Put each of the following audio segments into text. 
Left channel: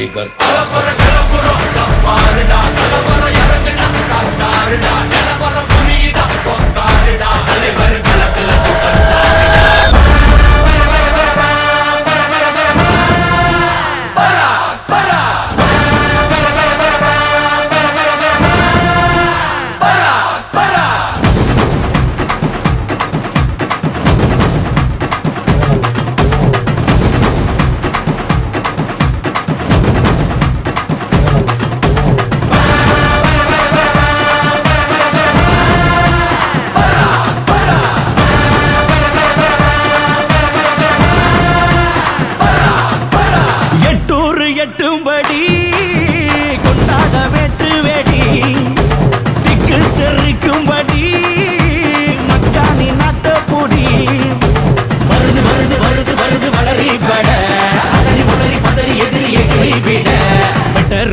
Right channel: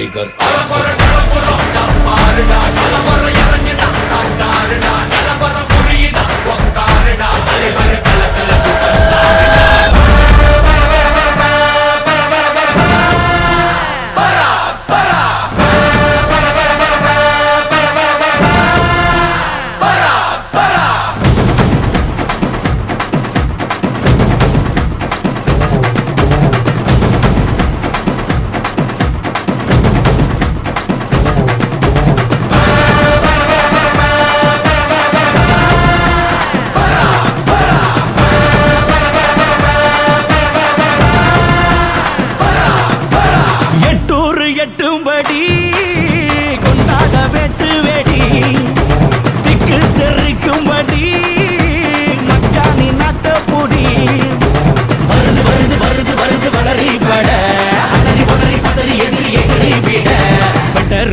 tiger కలబర కలబర డబ్బారుడా కలబర ఎరగన డాక్టారుడా கொள்ளும்படி கொண்டாட வெட்டு வெடி திக்கு தெரிக்கும்படி மக்கானி நட்டப்புடி வருது வருது வருது வருது வளரி பட அலறி வளரி பதறி எதிரி எதிரி விட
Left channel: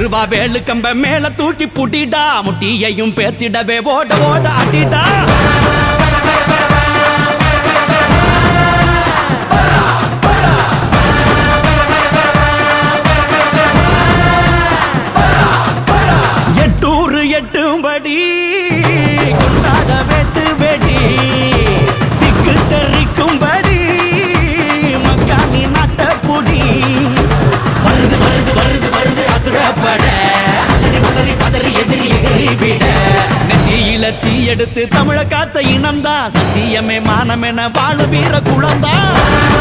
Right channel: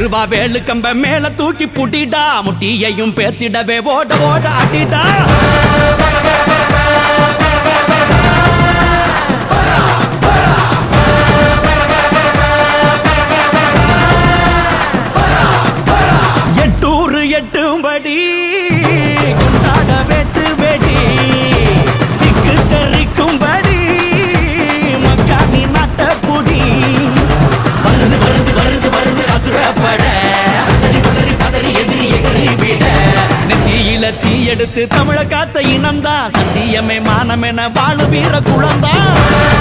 ரூபா வேலு கம்ப மேல தூக்கி புட்டிடா முட்டியையும் பேத்திடவே ஓட ஓட அட்டிடா ஊரு எட்டும்படி கொண்டாட வேத்து வெடி திக்கு தெரிக்கும்படி மக்காணி நாட்ட புடி வருது வருது வருது வருது அசுரப்பட அலறி உளறி பதறி எதிரி எகறி விட நெத்தியில தீ எடுத்து தமிழ காத்த இனம்தான் சத்தியமே என வாழு வீர குளம்தான்